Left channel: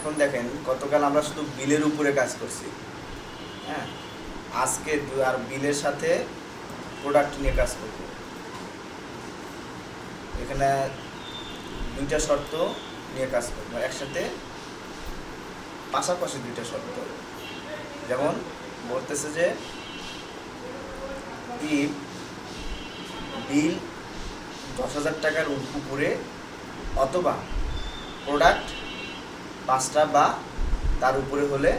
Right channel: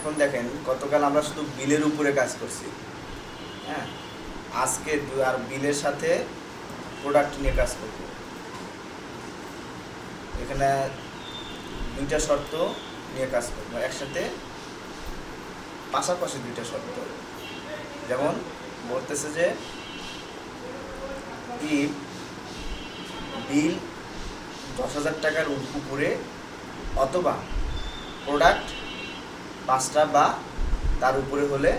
এখন দেখেন গতকাল আমরা শুধু বিলের উপরে কাজ করছি, হ্যাঁ, আজকে আর বিলের সাথে প্রোডাক্ট নিয়ে কাজ করব। এখানে দুইটা শর্ত নিয়ে কাজ করবো একসাথে, পাশাপাশি দুইটা শর্ত। যেমন বলতেছে যে ইফ বিল 10,000 টাকার উপরে অথবা প্রোডাক্ট 5টা বা তার উপরে হলে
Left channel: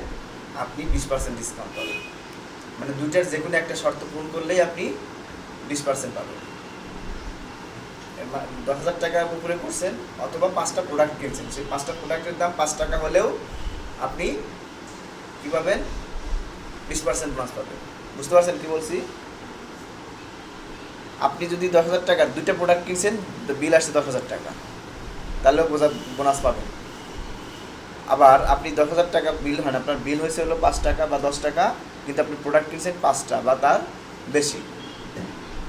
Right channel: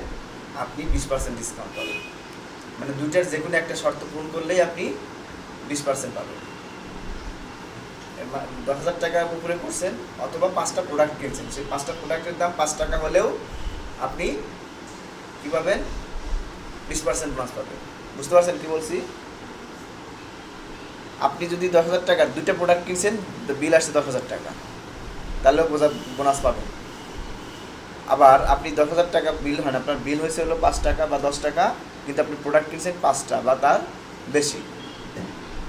আপনি 20% ডিসকাউন্ট পাবেন। মানে দুইটার যে কোনো একটা শর্ত পূরণ করলেই আপনি 20% পাবেন। 10,000 টাকার উপরে করছেন অথবা 5টা প্রোডাক্ট কিনছেন, সেই 5টা প্রোডাক্টের দাম 5 টাকা হলেও আপনি কি পাবেন? 20% বোনাস পাবেন। বুঝতে পারছেন কি বলছি? আপনি যদি 10,000 টাকার দুইটা প্রোডাক্ট কিনছেন, বিল আসছে 10,000 টাকা, তাহলেও বোনাস পাবেন। আবার আপনি 10,000 টাকা বিল হয়, আপনার বিল হয়েছে হলো 5 টাকা বা 10 টাকা, কিন্তু আপনি প্রোডাক্ট কিনছেন 5টা বা তার বেশি,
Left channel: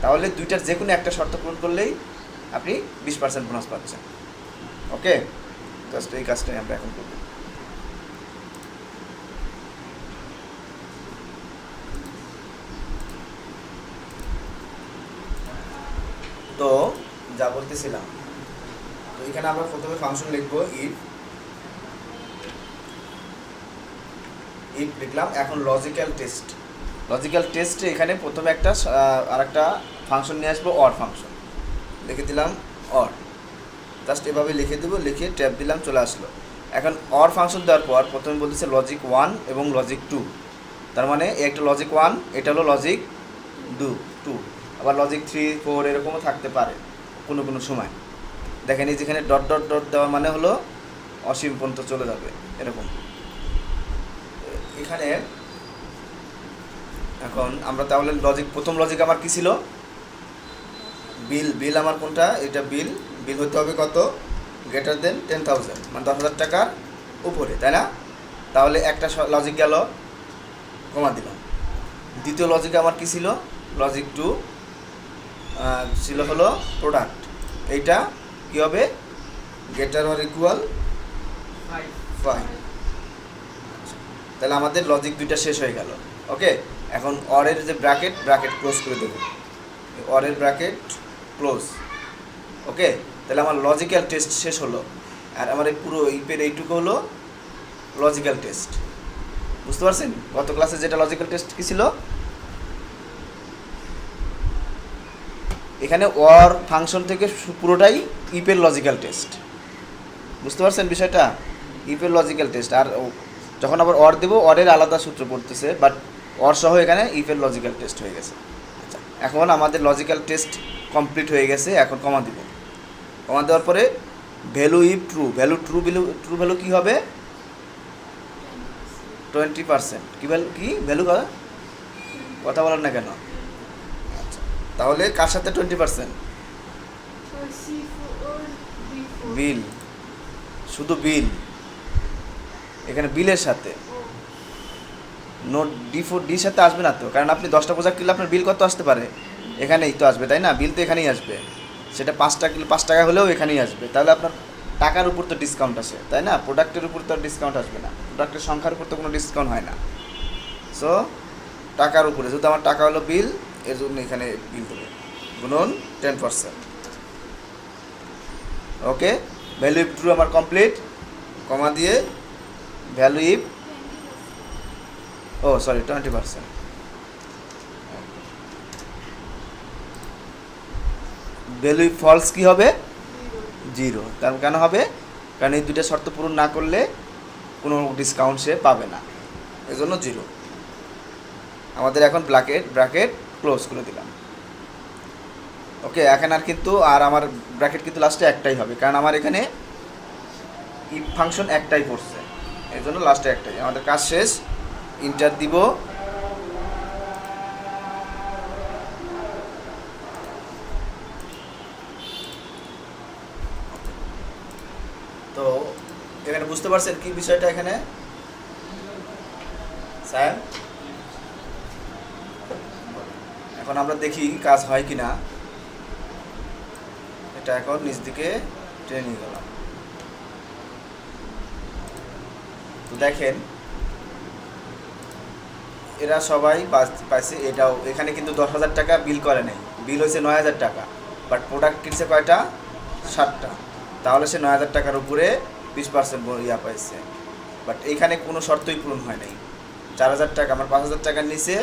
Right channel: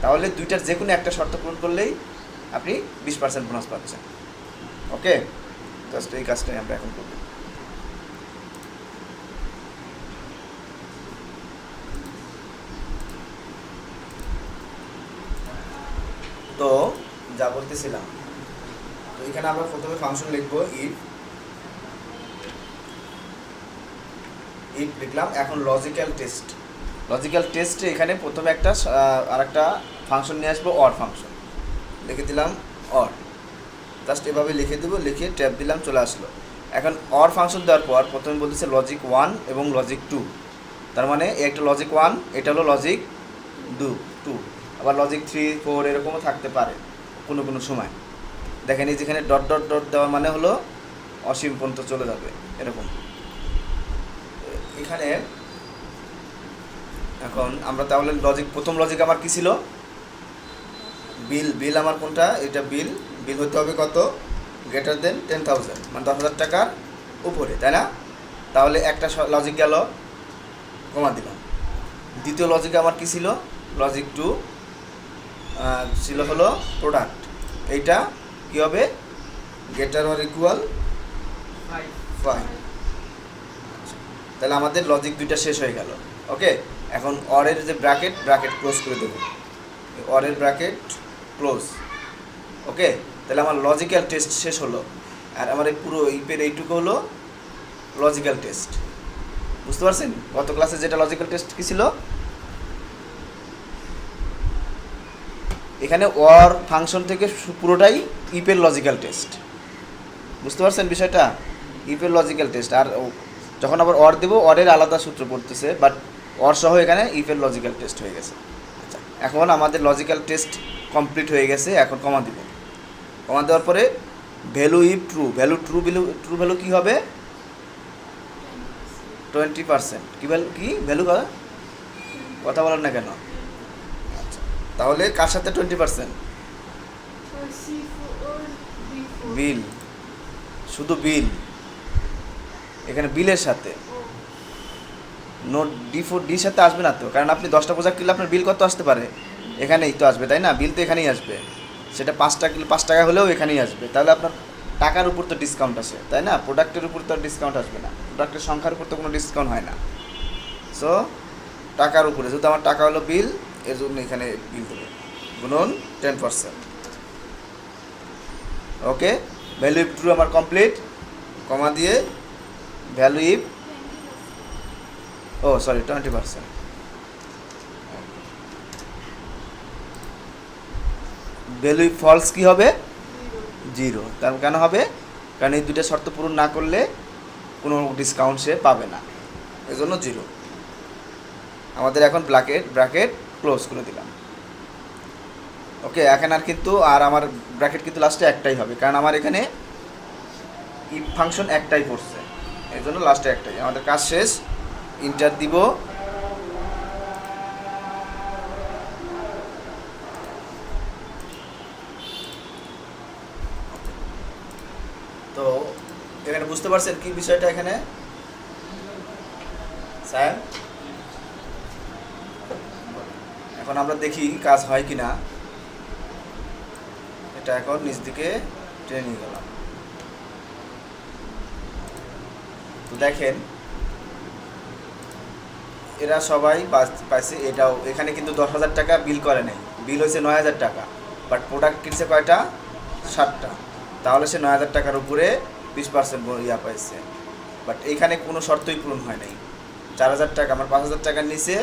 তাহলে দুইটার যে কোনো একটা শর্ত পূরণ করলেই আপনি 20% বোনাস পাচ্ছেন। ওকে, জাস্ট এই কাজটাই আমরা এখন করব। তো যা বলতেছিলাম, তো এখানে আমরা প্রথমে ফাংশন লিখবো ইফ লিখলাম। এখন লজিক্যাল টেস্টে এখানে প্রথমে একটা আরেকটা ফাংশন নিয়ে আসবো, অর ফাংশন লিখে দিলাম। অর জাস্ট এভাবে লিখে দেবো, লিখে ট্যাব দিলাম, চলে আসলো। এখন অর ফাংশন দেওয়ার পর প্রথমে বলতেছে লজিক 1 এবং লজিক 2, তার মানে একটা লজিক 1, এটা হলো লজিক 2, আবার লজিক 3, 4 এরকমও থাকতে পারে কোনো কোনো সময়। দেখেন এই যেখানে ডট ডট ডট দেওয়া মানে হলো অসীম পর্যন্ত চলে যাবে এরকম। এখানে এখন আমরা তাহলে প্রথম লজিক আমার কি ছিল? বিল আমার কোনটা? এটা বিল হতে হবে কত? গ্রেটার দেন 10,000, মানে 10,000 টাকার উপরে, তাই না? তাহলে একটা লজিক গেল, কমা দিলাম। দ্বিতীয় লজিক আমার কি ছিল? লজিক 2 ছিল হলো প্রোডাক্ট। এইটা কি হবে? Greater or equal 5। তাহলে আমাদের লজিক 2টা শেষ হয়ে গেল। ওকে, এখন অরের যে ব্র্যাকেট ক্লোজ করে দেবো, অরের ব্র্যাকেট ক্লোজ। ওকে, তাহলে আমার লজিক্যাল টেস্ট শেষ হলো। আর আমার এই পুরো ইপের এইটুকু হলো লজিক্যাল টেস্ট। বুঝতে পারছেন গত ক্লাসে যেটা লজিক্যাল টেস্ট কি ছিল? এখানে অর ফাংশন থেকে পুরোটাই ইপের লজিক্যাল টেস্ট। বুঝতে পারছেন বিষয়টা? ইপের লজিক্যাল টেস্ট। আর যখন আবার অর দেবো, অরের আলাদা সূত্র পড়তেছে, বাট অর সহ এখানে ইফের লজিক্যাল টেস্ট হয়ে গেছে। আচ্ছা, এখন আমাদের লজিক্যাল টেস্ট কমপ্লিট হয়ে গেছে। এখন কমা দিব। কমা দেওয়ার পরে ভ্যালু ইফ ট্রু ভ্যালু কী হবে? 20%। কি ভ্যালু কথা বলেন না কেন? আচ্ছা, তাহলে কার সাথে 20%? বিল, শুধু বিল, এখানে বিলের সাথে। নোট ডির সাথে আসবে না তো, কারণ আপনি 10টা প্রোডাক্ট কিনলে আপনার বিল কত আসতে পারে? এখানেই তো আসবে, তাই না? বিল তো এখানেই আসবে। সেটা 5 টাকা হলেও এখানেই আসবে। তাহলে আপনার টাকার উপর তো ডিসকাউন্ট আছে, তাই না? প্রোডাক্টের উপর তো ডিসকাউন্ট আসবে না, প্রোডাক্টের সংখ্যার উপর তো কোনো ডিসকাউন্ট হয় না। সো টাকার উপরে, যেহেতু আমার টাকা হলো বিল, এর জন্য এখানে বিল দেবো গুণন 10%। ওকে, ভ্যালু ইফ ট্রু আমার কমপ্লিট। কমা দিয়ে value if 20%। Value if false কি হবে? 0। তার কেন হবে? কারণ এই দুইটা শর্ত পূরণ না করলে কোনো ডিসকাউন্ট সে পাবে না, এজন্য 0। আমাদের এখন ব্র্যাকেট ক্লোজ করে দিলাম। ওকে, এখন আর কিন্তু আমার ব্র্যাকেট কিন্তু লাস্টে একটাই হবে, কারণ আমার এখানে ইফ ফাংশন একটাই পড়ছে, এর জন্য লাস্টে একটাই। আমাদের কাজ শেষ। ইন্টার দিব। তো এখানে বুঝতে পারছেন কি বিষয়টা এখানে স্যার? এখন আমরা দেখি কাজ হয় কি না। এটা এখন নিচ দিকে টেনে নিয়ে গেলাম। তো দেখেন এরা সবাই পাইছে, এটাও এখানে কিন্তু 10,000 টাকা বিল করে নাই, বিল হয়েছে 9,000 টাকা, বাট প্রোডাক্ট কিনছে কয়টা? 7টা। তাহলে সে 9,000 টাকার উপরে 20% ইয়া পাইছে। বাট এইখানে কোনো শর্তই পূরণ হয় নাই। 4,000 টাকা আমার 5,000 টাকার নিচে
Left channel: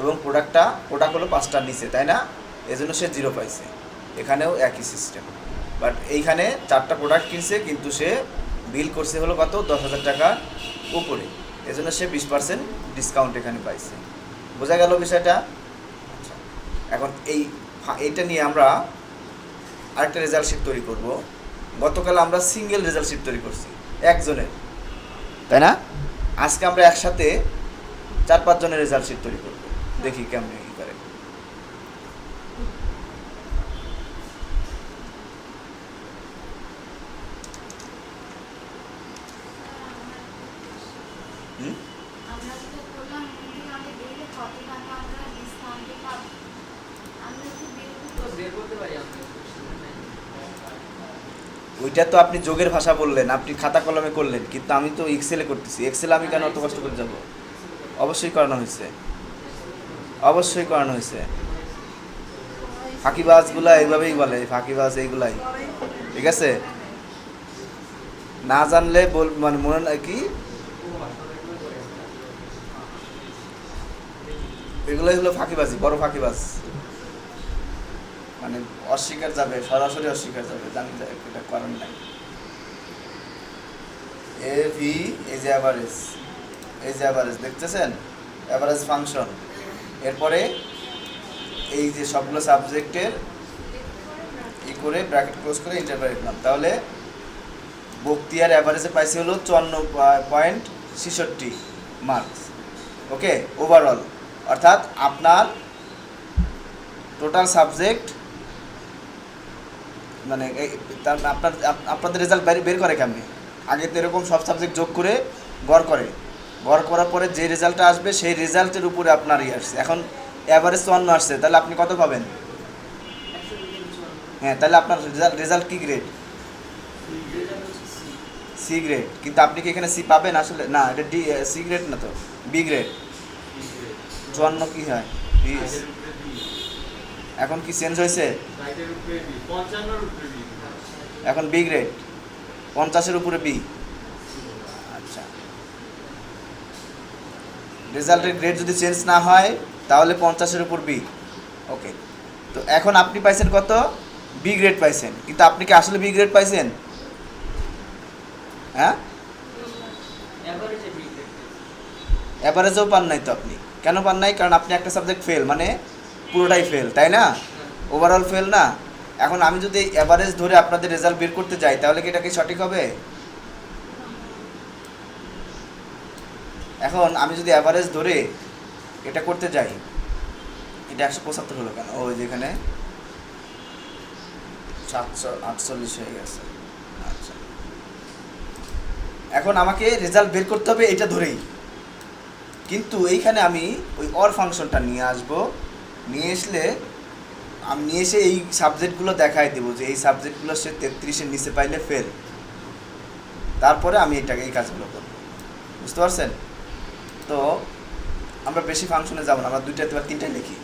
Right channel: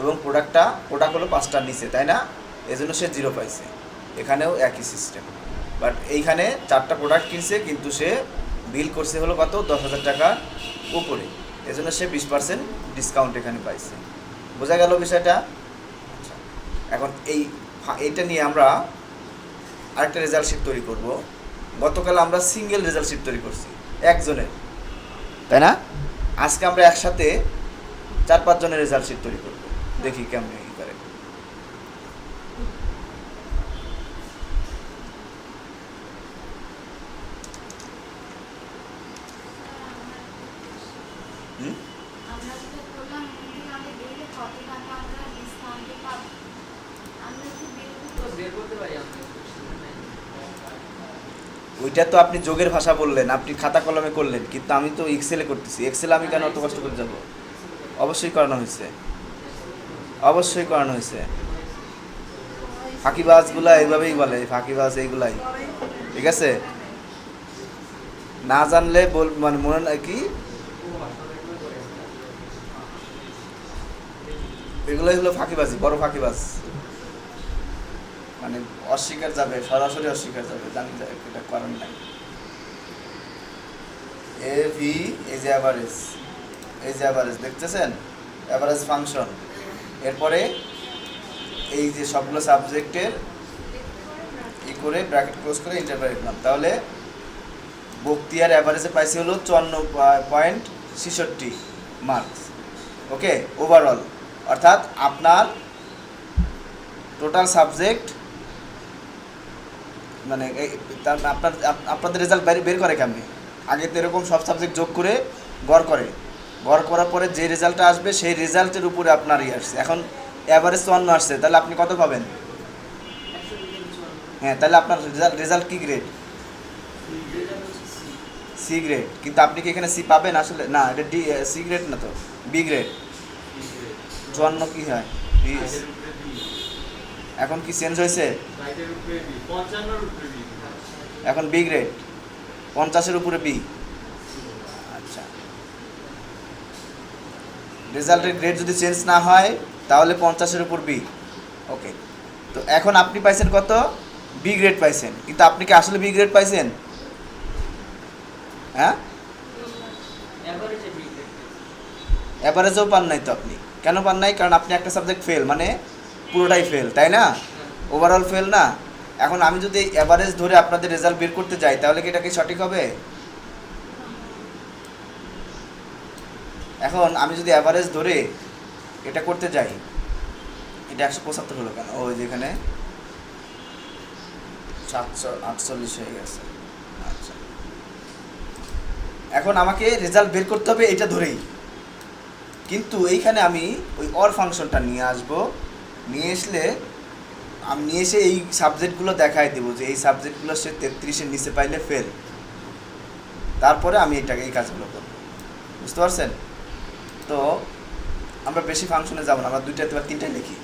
এবং প্রোডাক্ট হলো 5টার নিচে, তাই না? এজন্য সে 0 পাইছে। এখানেও একই সিস্টেম। বাট এইখানে 4টা প্রোডাক্ট কিনছে কিন্তু সে বিল করছে হলো কত? 10,000 টাকার উপরে, এজন্য সে 20% ডিসকাউন্ট এখানে পাইছে। বোঝা গেল বিষয়টা? আচ্ছা, এখন এইটা নিয়ে আমরা আরেকটা রেজাল্ট শিট তৈরি করব। গতকাল আমরা সিঙ্গেল রেজাল্ট শিট তৈরি করছি একজনের, তাই না? আজকে আমরা একসাথে 4-5 জনের রেজাল্ট শিট তৈরি করব, দেখি কেমন কি করে। ওইটা তো আপনি যোগের ভাষা বললেন, আপনি খাতা কলমে করলেন, কিন্তু আমি তো এক্সেলে করতেছি। এক্সেলে আমি কেন অত কষ্ট করে যাব? অবশ্যই করানো হয়েছে, অবশ্যই করানো হয়েছে। ফাঁকিবাজগুলা এইভাবেই বলে, ফাঁকিবাজ এইগুলাই, ঠিক আছে? না জানলে মানে মনে হয় কি এগুলাই হলো ফাঁকিবাজি, বড় ফাঁকিবাজ। মানে অস্বীকার যাবে, সরাসরি অস্বীকার যাবে, জানি এটা করার নাই। এ ভি এই যে অ্যাভারেজ, এই যে অ্যাভারেজ দেখতেছেন, অ্যাভারেজ ফাংশন। এরপরে এই যে সবগুলো সাবজেক্টের করে ব্র্যাকেট ক্লোজ করে ইন্টারভ্যাল লিখলাম। তাহলে বক্তিয়ার অ্যাভারেজে পাইছে হলো 54.66 মার্কস। ওকে, ওভারঅল, অর্থাৎ আপনার টোটাল সাবজেক্ট মানে আপনাদের রেজাল্ট বের করে কেমনি? আগে তো এরকম সব সাবজেক্ট যোগ করে গড় করে, গড় করার পরে যে রেজাল্টটা আসবে সেই রেজাল্টের উপরে আপনার আসছে। এখন অ্যাভারেজ 54 আসছে, তাহলে আপনি কত পাবেন? হ্যাঁ, তাহলে আপনার রেজাল্ট কি গ্রেড? C grade. কিন্তু আপনি কি এখানে সি পাবেন? আসলে না, এটা সি গ্রেড না, তো বি গ্রেড। 54 কি হয়? বি। এখন কি চেঞ্জ হয়েছে? এখন বি গ্রেড, 50-এর উপরে বি। আচ্ছা, রেজাল্টের গ্রেড যদি চেঞ্জ না হয় তাহলে 50-এর উপর বি। ওকে, তো এখন আপনি পাইছেন কত? বি গ্রেড পাইছেন। কিন্তু আপনি কি আসলে বি গ্রেড পাইছেন? হ্যাঁ, অ্যাভারেজও পান নাই তো আপনি। কেন পান নাই? কারণ আপনি একটা সাবজেক্ট ফেল, মানে পুরোটাই ফেল, তাই না? ওভারঅল ফেল না। এখন আমি যদি অ্যাভারেজ ধরে আপনাদের রেজাল্ট বের করতে যাই তাহলে কি এটা কি সঠিক হবে? এখন আমি যদি অ্যাভারেজ ধরে এটা করতে যাই, এটা 175 হলো কেন? ওই যেখানে 748 হয়ে গেছে। আচ্ছা, এখন আমাকে রেজাল্ট বের করতে হবে এটা ধরেই, কিন্তু এইখানে আমি ওই অর ফাংশনটা নিয়ে আসব। নিয়ে এসে এই সাবজেক্টগুলো দেখাই দেবো যে এই সাবজেক্টগুলো সে 33-এর নিচে পাইলে ফেল। তারপরে আমি এই কাজগুলো করব। বুঝতে পারছেন? তো আমরা বেশি ফাংশনে যাব না, আমরা 2টা বা 3টা লিখি।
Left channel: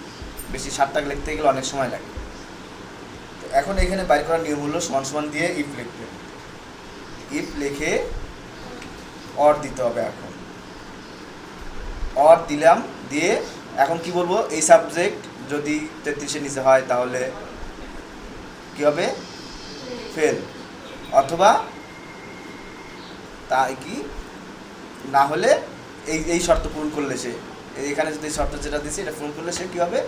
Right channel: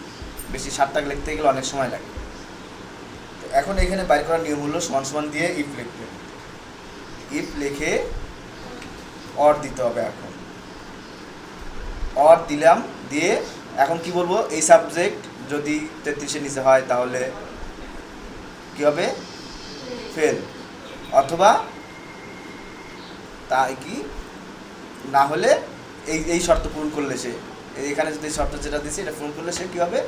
বেশি 7টা লিখতে গেলে অনেক সময় লাগে। তো এখন এখানে বাইর করার নিয়ম হলো সমান সমান দিয়ে ইফ লিখবে। ইফ লিখে অর দিতে হবে। এখন অর দিলাম, দিয়ে এখন কি বলবো? এই সাবজেক্ট যদি 33-এর নিচে হয় তাহলে কি হবে? ফেল। অথবা তাই কি না হলে এই শর্ত পূরণ করলে সে, এইখানে যদি শর্ত যেটা দিচ্ছে এটা পূরণ করলে সে কি হবে?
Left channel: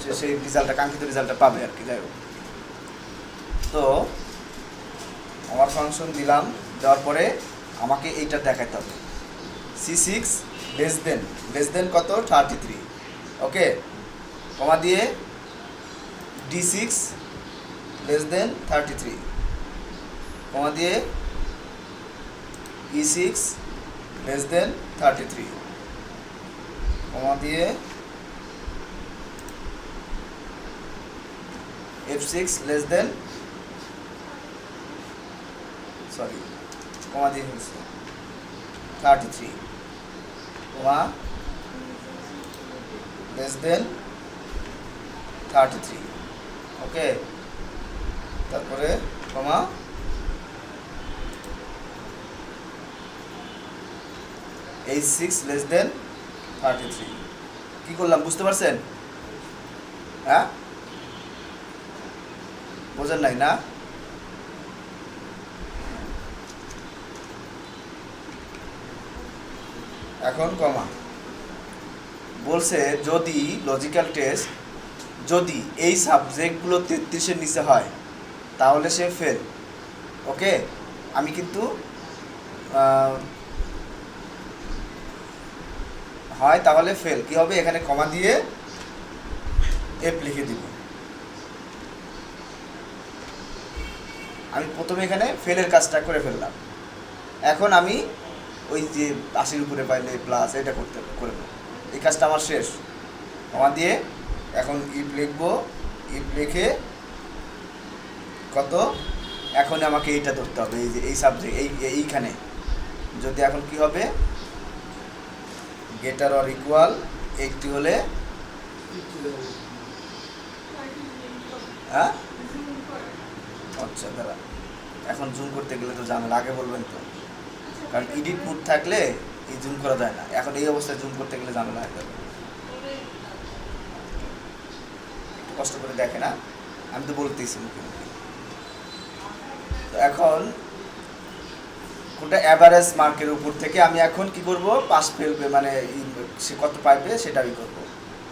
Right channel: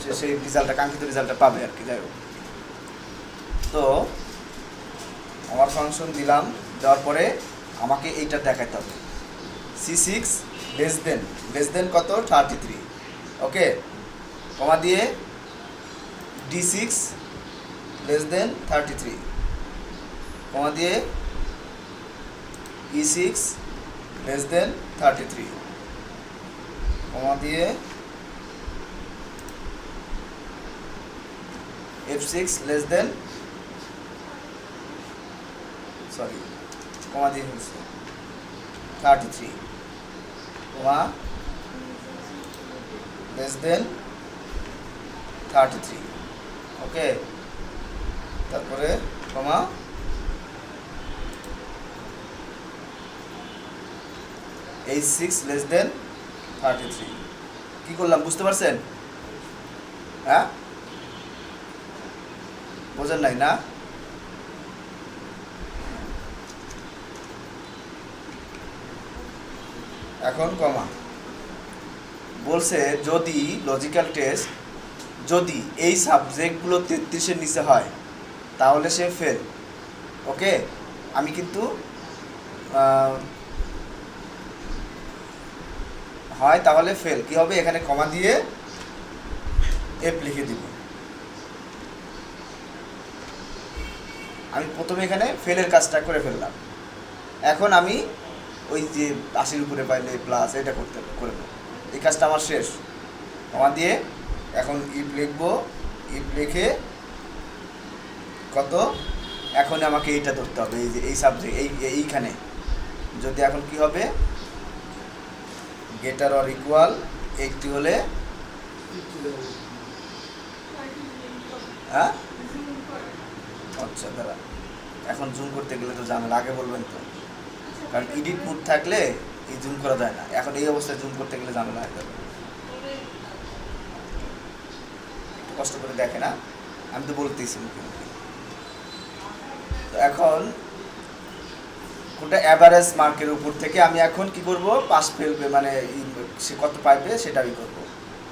সে সেই রেজাল্টটা, কাঙ্ক্ষিত রেজাল্টটা পাবে আর কি। যাই হোক, তো আমার ফাংশন দিলাম, দেওয়ার পরে আমাকে এইটা দেখাতে হবে। C6 লেস দেন কত? 33। ওকে, কমা দিয়ে D6 লেস দেন 33, কমা দিয়ে E6 লেস দেন 33, কমা দিয়ে F6 লেস দেন, কমা দিয়ে 33 কমা লেস দেন 33, ওকে। তারপরে কমা H6 লেস দেন 33। কি করলাম বুঝতে পারছেন? হ্যাঁ, বোঝেন নাই না? এখন কমা বলছে যদি লজিক্যাল টেস্ট যদি এই সাবজেক্টগুলো 33-এর নিচে হয় তাহলে সে ফেল, ওকে। আমি কিন্তু হয় তাহলে ফেল, কি হবে এখানে কমা দিয়ে এফ লিখে দিব। আমি প্রথমে এখানে ফেলের কাজটা করে ফেললাম। এখন আমি ওই যে 80-র উপরে পাইলে প্লাস এটা করে দেবো, এই কাজটা আমার শেষ। কমা দিয়ে এখন ইফ লিখবো, ইফ লিখে কত, এখন আমাকে এইটা ধরতে হবে, এই যে এই সাবজেক্ট এইখানে যদি এখন কি হবে গ্রেটার অর ইকুয়াল 80 হলে, হ্যাঁ আচ্ছা দাঁড়া, এখন জুম করতে গেলে তো ঝামেলা, আগে বলবেন তো, কারণ এডিট মোড থাকলে এই জুম করা যায় না। এখন এই অবস্থায় জুম করতে গেলে ঝামেলা হয়ে যাবে, কষ্ট করে দেখে না, আমি তো বলতেছি মুখোমুখি। তো এখন কোনটা অ্যাভারেজ মার্কের উপর থেকে আমি এখন কি করব, পাস ফেলবে মানে সে কত পাইবে সেটাই করব।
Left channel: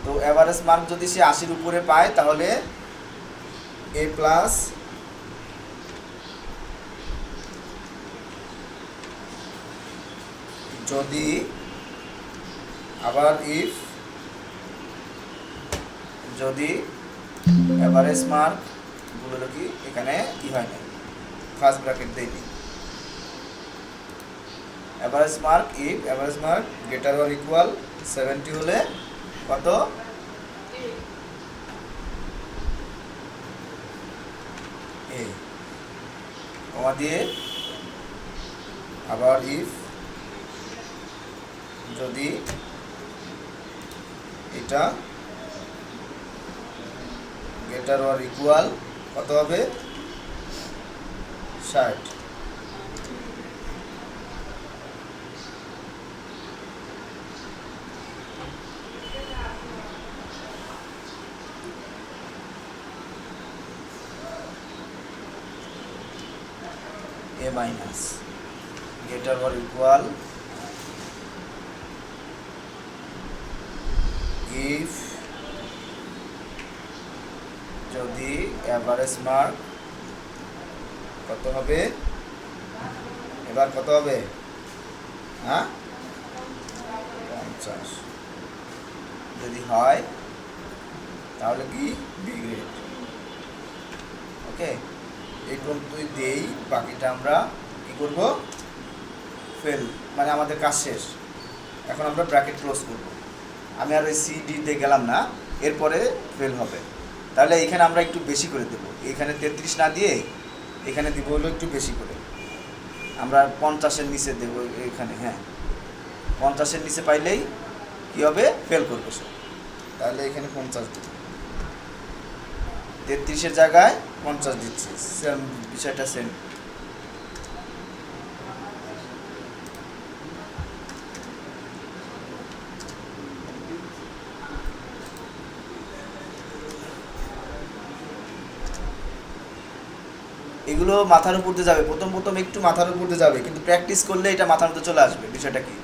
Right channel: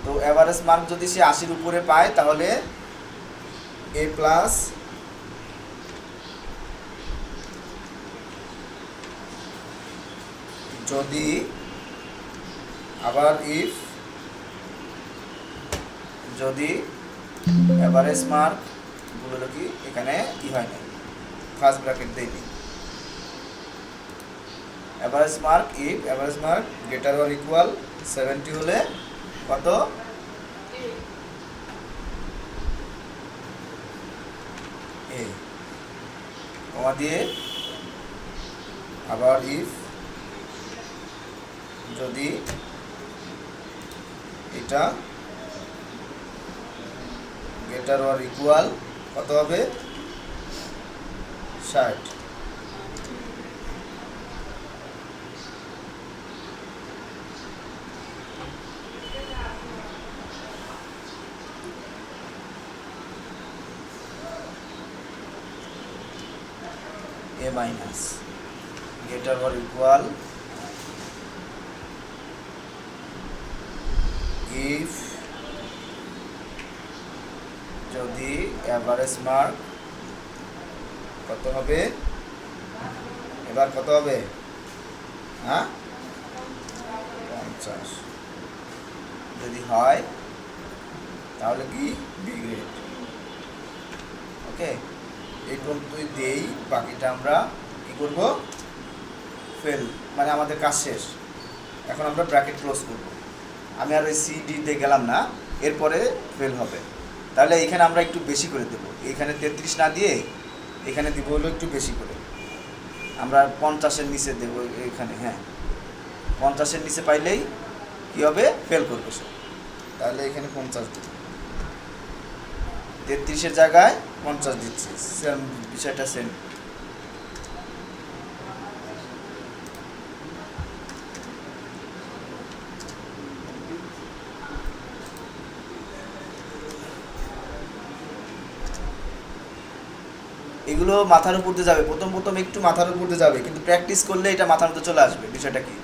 তো অ্যাভারেজ মার্ক যদি সে 80-র উপরে পায় তাহলে এ প্লাস, যদি আবার ইফ যদি অ্যাভারেজ মার্ক বলে কি এখানে কি হয় না, ফার্স্ট ব্র্যাকেট দেইনি, average mark if average mark greater or equal 70 হলে কত, এ কমা দিয়ে আবার ইফ যদি এটা গ্রেটার অর ইকুয়াল কত হবে 60। A minus greater or equal if যদি অ্যাভারেজ মার্ক কত হবে, এবার কত হবে, হ্যাঁ 50 যদি হয় তাহলে কি বি গ্রেড, ওকে। এই পর্যন্তই দেই, বাকিটা আমরা কি করব, ফেল, মানে আমাদের কাজ শেষ। এখন আমরা ব্র্যাকেট ক্লোজ করব, আমি আর ওই সিডি তে গেলাম না, এরপরে ফেল হবে। তাহলে এখানে আমরা একটু বেশি করে দেব, এখানে 33 না দিয়ে এখানে দিব হলো একটু বেশি করে, আমরা 50-এর নিচে দেব এখানে, হ্যাঁ 50-এর নিচে পাইলেই কি হবে, ফেল করবে সে। তাহলে এখানে 50 দিব, 33-এর জায়গায় 50 দিচ্ছি, সেম বিষয়টা সেম। এগুলো মাথার উপর দিয়ে যাবে, প্রথম প্রথম একটু মাথার উপর দিয়ে যাবে, কিন্তু প্র্যাকটিস করলে এটা মাথার মধ্যে চলে আসবে। বিষয়টা কি,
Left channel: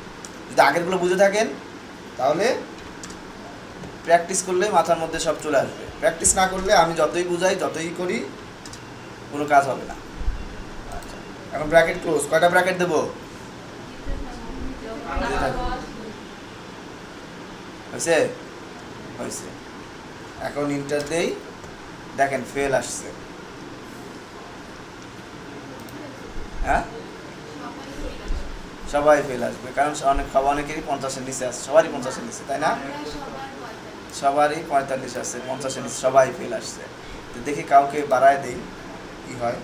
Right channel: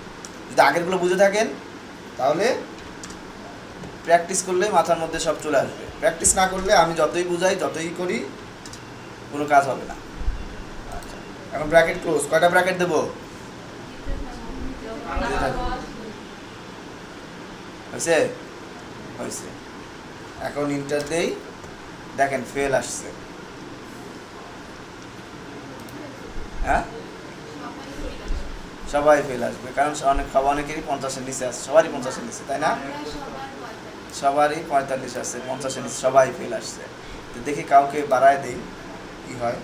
যদি আগেরগুলো বুঝে থাকেন তাহলে প্র্যাকটিস করলে মাথার মধ্যে সব চলে আসবে। প্র্যাকটিস না করলে আমি যতই বুঝাই যতই করি কোনো কাজ হবে না। আচ্ছা, এখন ব্র্যাকেট ক্লোজ, কয়টা ব্র্যাকেট দেবো, হয়েছে হয়েছে। এখন ইন্টার দেই, দেখেন ফেল আসছে, হ্যাঁ সবাই ফেল আসবে, কারণ অনেকেরই 50-এর নিচে আসছে, সবারই 50-এর নিচে, তাই না? সবারই 45 আসছে, 50-এর নিচে সবাই ফেল আসছে। তো দেখি কাউকে বাড়ায় দেই কি হয়।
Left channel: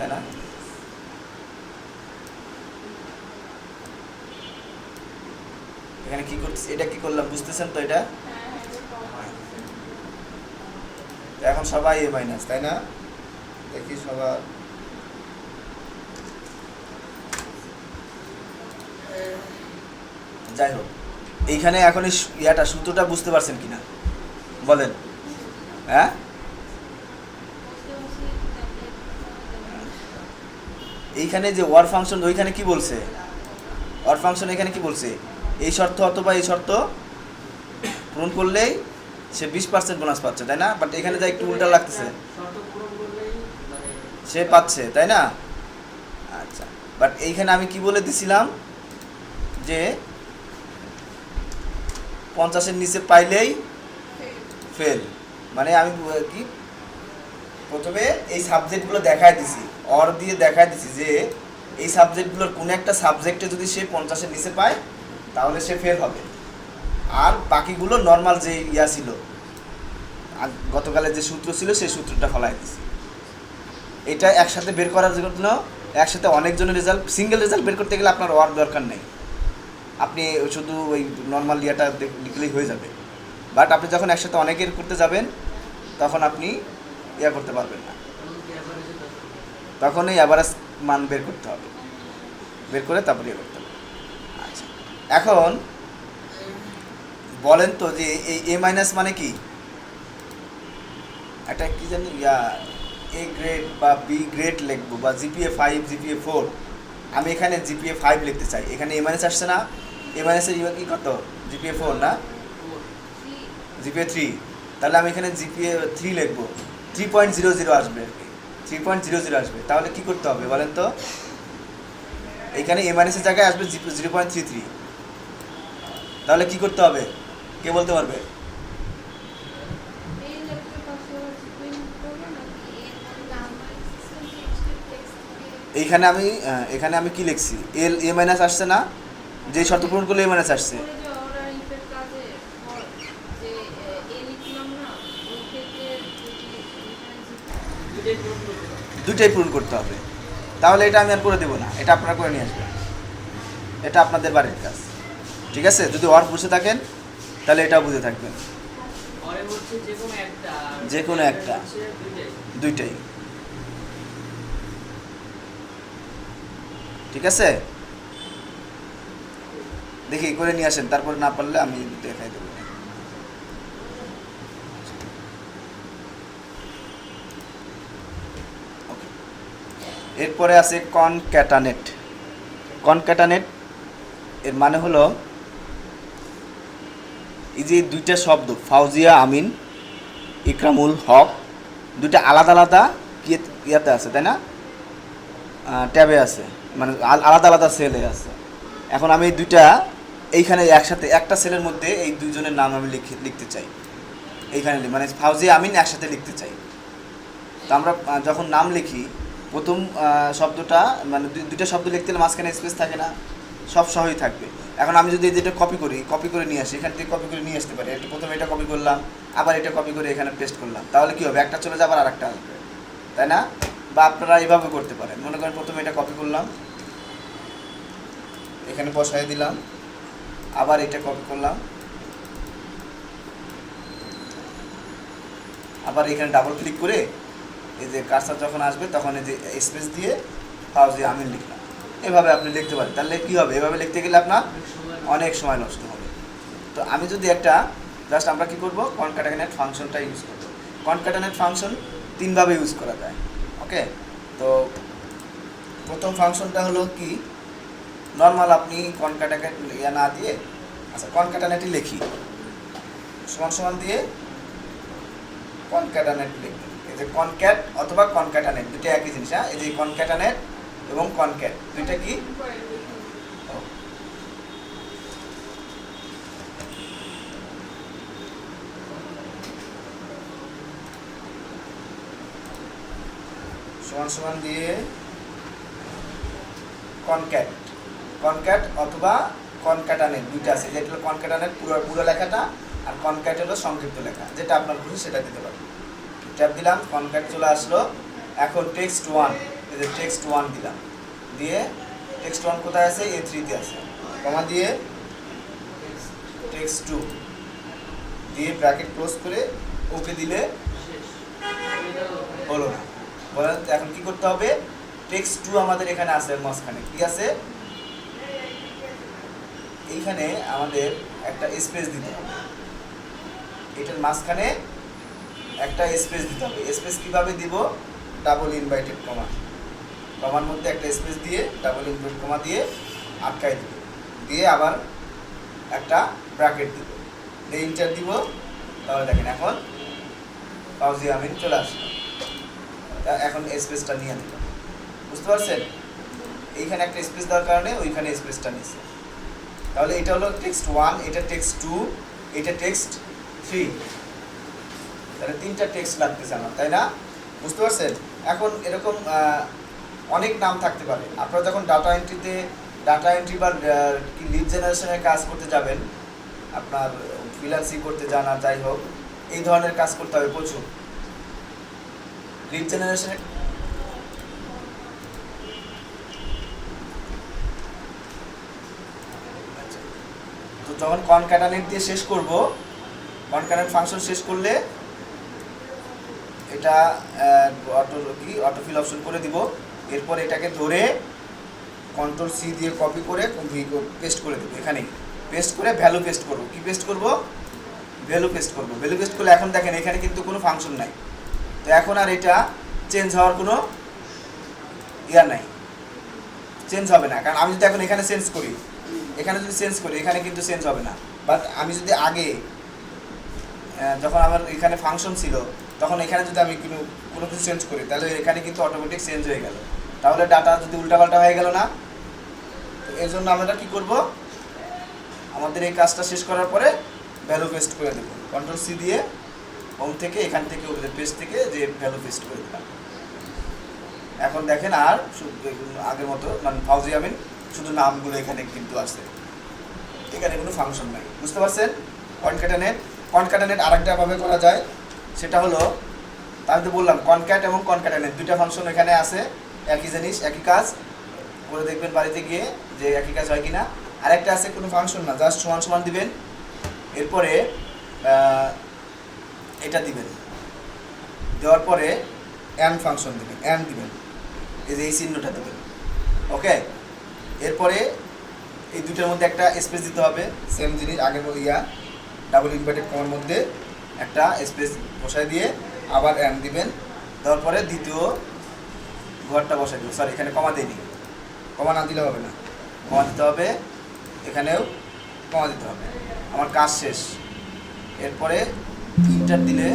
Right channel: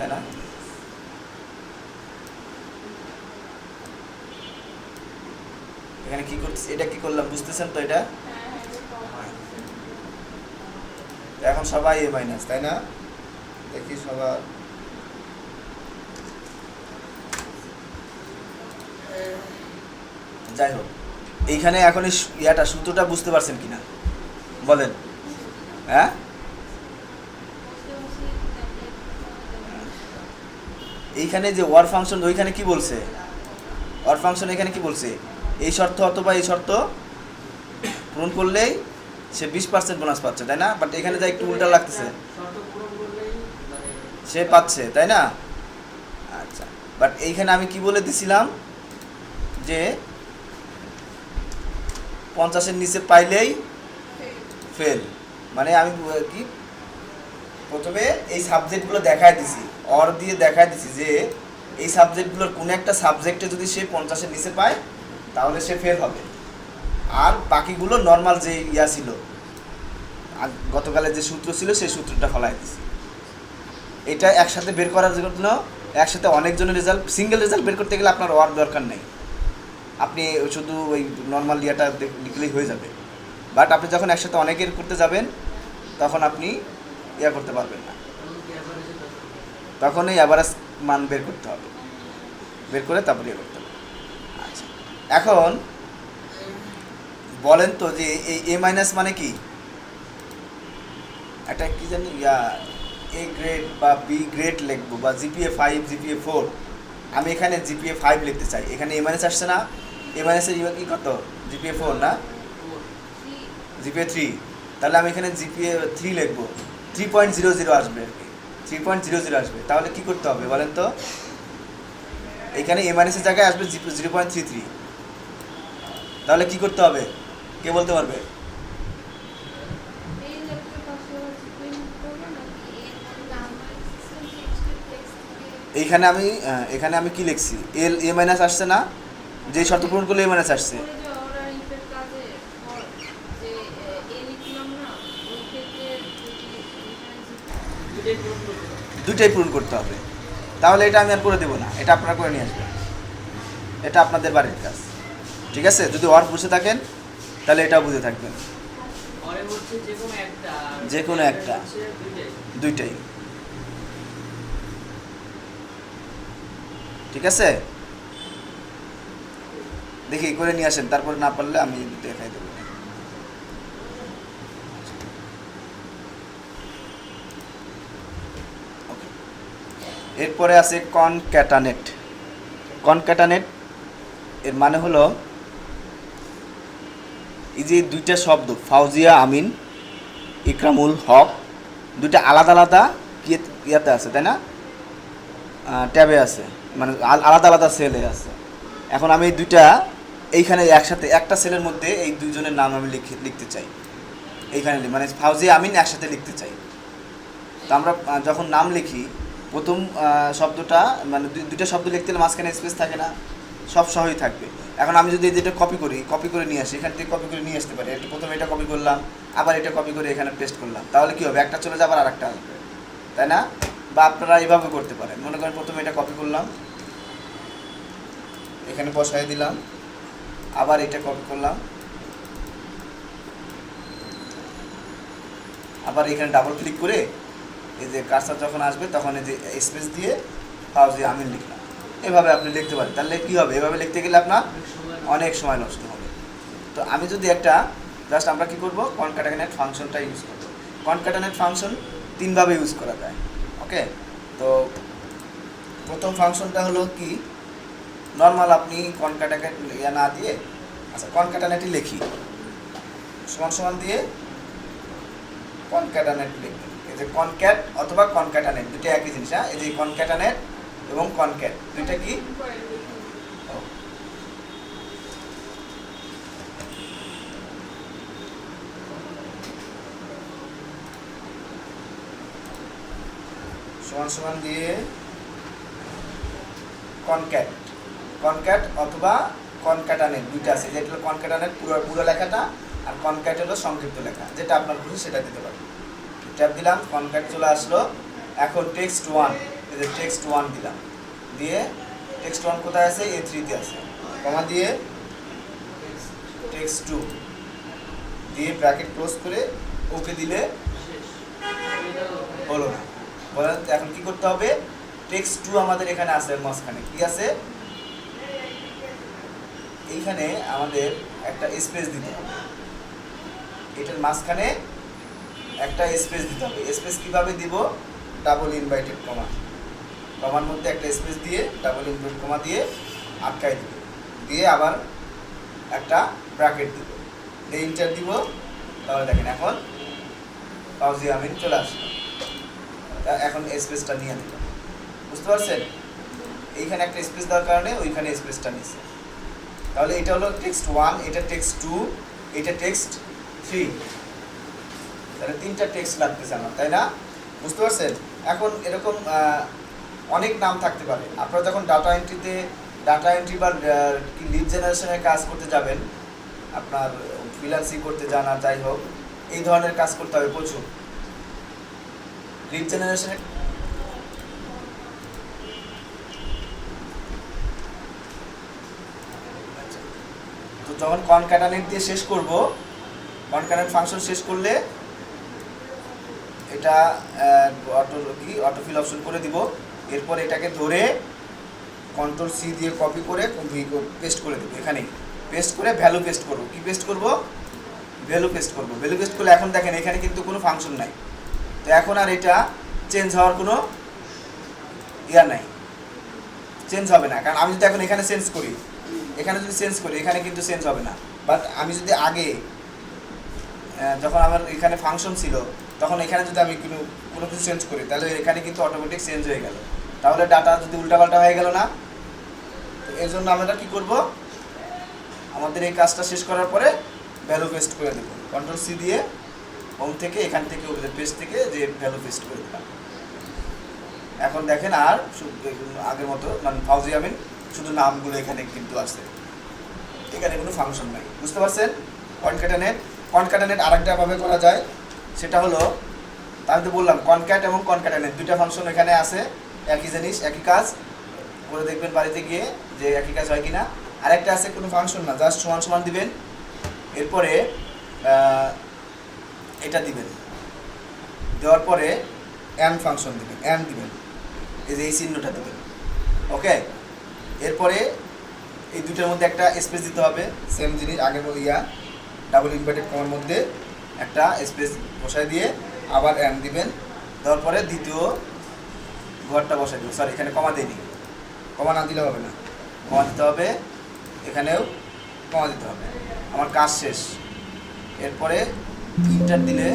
তাই না? এখানে কি করতেছি, এটা কি করলাম বুঝতেছেন তো? এটা এখন সবাই এ মাইনাস, তাই না? দেখি সবার যাই হোক, এইখানে এখন এই ইয়াটা সূত্রটা বুঝতে পারছেন কিনা বলেন? হ্যাঁ, এইখানে যে ওয়ার ফাংশন ওইখানে কি বলছে, ওয়ার ফাংশন এখানে কি বলছে, এই শর্ত অথবা এই শর্ত পূরণ করলেই সে 20% বোনাস পাচ্ছে, তাই না? বাট এখানে যা একটু উল্টা লাগতেছে, সে পাচ্ছে, তাই না? আচ্ছা, বাট এইখানে আমি কি বলে দিছিলাম যে 50-এর নিচে পাইলেই ফেল। মানে আমি কি প্রথমে এই সাবজেক্টগুলো দেখায় দিছি, অর দিয়ে দেখায় দিছি যে এই সাবজেক্টগুলোর কোনো একটা সাবজেক্টে যদি সে 50-এর নিচে পায় তাহলে সে ফেল হবে, আর বাকিগুলো নর্মাল যে ইয়া ছিল গতকালের যে সূত্র ছিল সেই সূত্রটা ফলাই দিছি। এটা একসাথে বের করার জন্য, একসাথে অনেকজনের রেজাল্ট, সিঙ্গেল রেজাল্ট বের করতে গেলে আপনার ওয়ার দরকার নেই, আপনি শুধু ওই নর্মাল ইয়াটা লিখলেই হয়ে যাবে। বাট আপনি যখন একসাথে অনেকের করতে যাবেন তখন আপনি ইয়া করতে পারবেন না, তখন এই অ্যাভারেজ মান বের করতে হবে, বের করে তারপরে ইয়ে করতে হবে। আচ্ছা, এখন বলেন তো যে এই এ মাইনাস মানে কি? একটা কি জানি ইয়া এ গ্রেড বা বি গ্রেড লিখবো, বা জিপিএ 5, জিপিএ 4, আমি এখানে জিপিএ 5 লিখতে চাই, এখানে এ মাইনাস আসছে না, এ মাইনাসের ইয়ে কি কত, জিপিএ 4 না জিপিএ 3, তাহলে আমি এখানে জিপিএ 3 লিখবো, 3.00 আসবে, 3.00 আসবে। তাহলে কি করতে হবে বলেন তো? এখানে এ মাইনাসের জায়গায় আসবে 0.33, তাহলে কি করতে হবে কে বলতে পারবে? এখানে আমি কি লিখছি, এল এ মাইনাস আসছে না, যে শর্ত পূরণ করলে এ মাইনাস আসছে, দুইটাই পূরণ করতে হবে। তাহলে এটা আমি আর করে দেবো না, এটা আপনারা করে নিয়ে আসবেন, এটা আপনাদের বাড়ির কাজ, ঠিক আছে? যদি ওয়ার্ড বুঝে থাকেন তাহলে এটাও বুঝে থাকবেন, যে কোনো একটা, দুইটাই, ঠিক আছে? দেখি করে নিয়ে আসেন, তারপর না পারলে আমি দেখাই দেবো। এরপরে আছে কনক্যাটানেট। কনক্যাটানেট এর মানে হলো এই যে দুইটা শব্দ ফাউজিয়া আমিন, ইকরামুল হক, দুইটা আলাদা আলাদা ইয়াতে আছে, তাই না? ট্যাবে আছে, মানে আলাদা আলাদা সেলে আছে। এখন আমি এই দুইটা এইখানে একসাথে একটা সেলের মধ্যে এই দুইজনের নাম আমি লিখতে চাই, এইখানে মানে ফাউজিয়া আমিন একসাথে লিখতে চাই। তো আমরা যখন নাম লিখি প্রথম শব্দটা, মানে দুইটা শব্দ লিখতে গেলে মাঝখানে স্পেস থাকে না, সব সহই থাকবে। এখন আমি যদি যেটা কপি করে নিয়ে আসি, এখান থেকে কপি করে নিয়ে আসতে পারি, একটু প্রথমে এটা কপি করলাম, আবার এটা কপি করে এখানে পেস্ট করলাম, তাহলে কী হবে, একটা চলে যাবে আর একটা আসবে, তাই না? বা আপনারা এভাবে করতে পারেন, মনে করেন প্রথমে এটা কপি করলাম, এখানে বসাই দিলাম, আবার এটা কপি করলাম, আবার এখানে ডাবল ক্লিক করে এই যে কার্সার যখন আসবে তখন এই যে স্পেস দিয়ে ফাউজিয়া আমিন লিখলাম, এভাবে আপনি লিখতে পারেন। তাহলে কী হবে, এভাবে লিখতে গেলে আপনার অনেক সময় নষ্ট হবে। তো আমি যদি একটা জাস্ট আমরা কী করবো, কনক্যাটানেট ফাংশনটা ইউজ করবো। কনক্যাটানেট ফাংশন তিনভাবে ইউজ করা যায়, ওকে? তো প্রথম ফাংশনটা হলো কি, নর্মাল আপনি কনক্যাটানেট ইয়া না দিয়ে, আচ্ছা কনক্যাটানেটই লিখি, সমান সমান দিয়ে কনক্যাটানেট লিখি, এই যে কনক্যাট অথবা কনক্যাটানেট দুটো একই জিনিস। হ্যাঁ, এই যে কনক্যাটানেট এবং কনক্যাট দুইটা কি, সমান সমান দিয়ে কনক্যাট অথবা কনক্যাটানেট দুইটা আছে, যেটা হলো কনক্যাটানেট পুরো লেখাটা, আর কনক্যাট হলো সংক্ষিপ্ত লেখা, যেটা আপনার খুশি সেটা দিতে পারেন। ট্যাব দিলাম, কনক্যাট চলে আসলো। এখন টেক্সট 1 এই যে টেক্সট 1 দিলাম, দিয়ে টেক্সট 1 কোথায় আছে, A3 তে আছে, কমা দিয়ে টেক্সট 2 দিয়ে ব্র্যাকেট ক্লোজ করে ওকে দিলে হলো না। বলেন এখন কি করতে হবে, টেক্সট 2 আমাদের এখানে আছে, মাঝখানে কি আছে, এইখানে আমাদের একটা স্পেস দিতে হবে, এটার মাঝখানে একটা স্পেস দিতে হবে। স্পেস কিভাবে দিব, ডাবল ইনভার্টেড কমা, কমার মধ্যে একটা স্পেস দিয়ে ডাবল ইনভার্টেড কমা দিয়ে আটকাই দিব, দিয়ে আবার একটা ব্র্যাকেট দিব, দিয়ে ইন্টার দিব। তাহলে দেখেন এখন ফাউজি আমিন চলে আসবে। এখন স্পেসটা নিয়ে নিল, বুঝতে পারছেন, এইখানে একটা স্পেস দেওয়ার কারণে ওইখানে স্পেসটা নিচ্ছে। তাহলে এটা হলো টেক্সট 1, এটা টেক্সট 2, এটা টেক্সট 3, তাহলে 3টা টেক্সট লাগতেছে আমার, তাই না? বুঝতে পারছেন? এখন এরকম অনেক নাম থাকতে পারে। আপনারা যখন ডাটা এন্ট্রি বা লিড জেনারেশনের কাজ করতে যাবেন, আপনার ফ্রিল্যান্সিং করতে যান আর যাই হোক, এই ধরনের কাজ করতে হবে প্রচুর। লিড জেনারেশনের তো যখন কনক্যাটানেট দিয়ে শেষ করব, কনক্যাটানেট ফাংশন শেষ করলে এটা অটোফিল অপশন করে দিব। এরপর এটাকে ধরে কন্ট্রোল সি দিয়ে কপি করে পেস্ট করে দেবো, এখানেই পেস্ট করে ভ্যালু পেস্ট করব। কি পেস্ট করব, ভ্যালু পেস্ট করব। ভ্যালু পেস্ট করলে এখন দেখেন এখানে কিন্তু কোনো ফাংশন নাই, তো এখন আর এটা চেঞ্জ হওয়ার কোনো ইয়া নাই, চেঞ্জ হবে না। কারণ আমি যদি এখন এখানে চেঞ্জ করি, এখানে যদি চেঞ্জ করি, এখানে কিন্তু চেঞ্জ হবে না। বাট আমি যদি আগে যখন আমার এখানে ফাংশন ছিল, তখন এখানে যদি আমি কোনো কিছু চেঞ্জ করি, তাহলে এখানে কিন্তু অটোমেটিক চেঞ্জ হয়ে গেল। তাহলে ডাটা যদি উল্টাপাল্টা হয়ে গেল না। তো এর জন্য আমরা কি করব, আমাদের এই কাজটা শেষ করার পরে ভ্যালু পেস্ট করে দেবো। কন্ট্রোল সি দিয়ে হোম থেকে এখান থেকে পেস্ট থেকে যে ভ্যালু পেস্ট করে দিলাম। এখন দেখেন আর আগের মতো মানে ফাউজি আমিন শুধু নামগুলো এখানে কিন্তু আছে, এখানে কোনো ফাংশন নাই। বুঝতে পারছেন? কনক্যাটানেট আরেকটা ভাবে করা যায়, সেটা হলো আমি তো বললাম কনক্যাট এবং কনক্যাটানেট দুইটা ফাংশন এখানে আছে, একই জিনিস একই কাজ করে দেখবেন বাড়িতে গিয়ে যে একই কাজ হয় কিনা। আরেকটা আছে কোনো ফাংশন না, জাস্ট সমান সমান দিবেন, এরপরে এটা দিবেন, দেওয়ার পরে অ্যান্ড ফাংশন দিবেন, অ্যান্ড দিবেন, এই যে এই চিহ্নটা দিবেন, ওকে। এরপরে এই দুটোর মধ্যে একটা স্পেস দিতে হবে, সেম জিনিস আগের ডাবল ইনভার্টেড কমার মধ্যে একটা স্পেস বসাই দিয়ে আবার অ্যান্ড দিবেন, দেওয়ার পরে দ্বিতীয় ঘরটা বসাই দিবেন। সরি, এখানে কমা দিইনি, কমা না দিলে হবে না, কমা দিতে হবে, এখানেও কমা দিতে হবে। আমার কাজ শেষ। এরপরে ইন্টার দিলে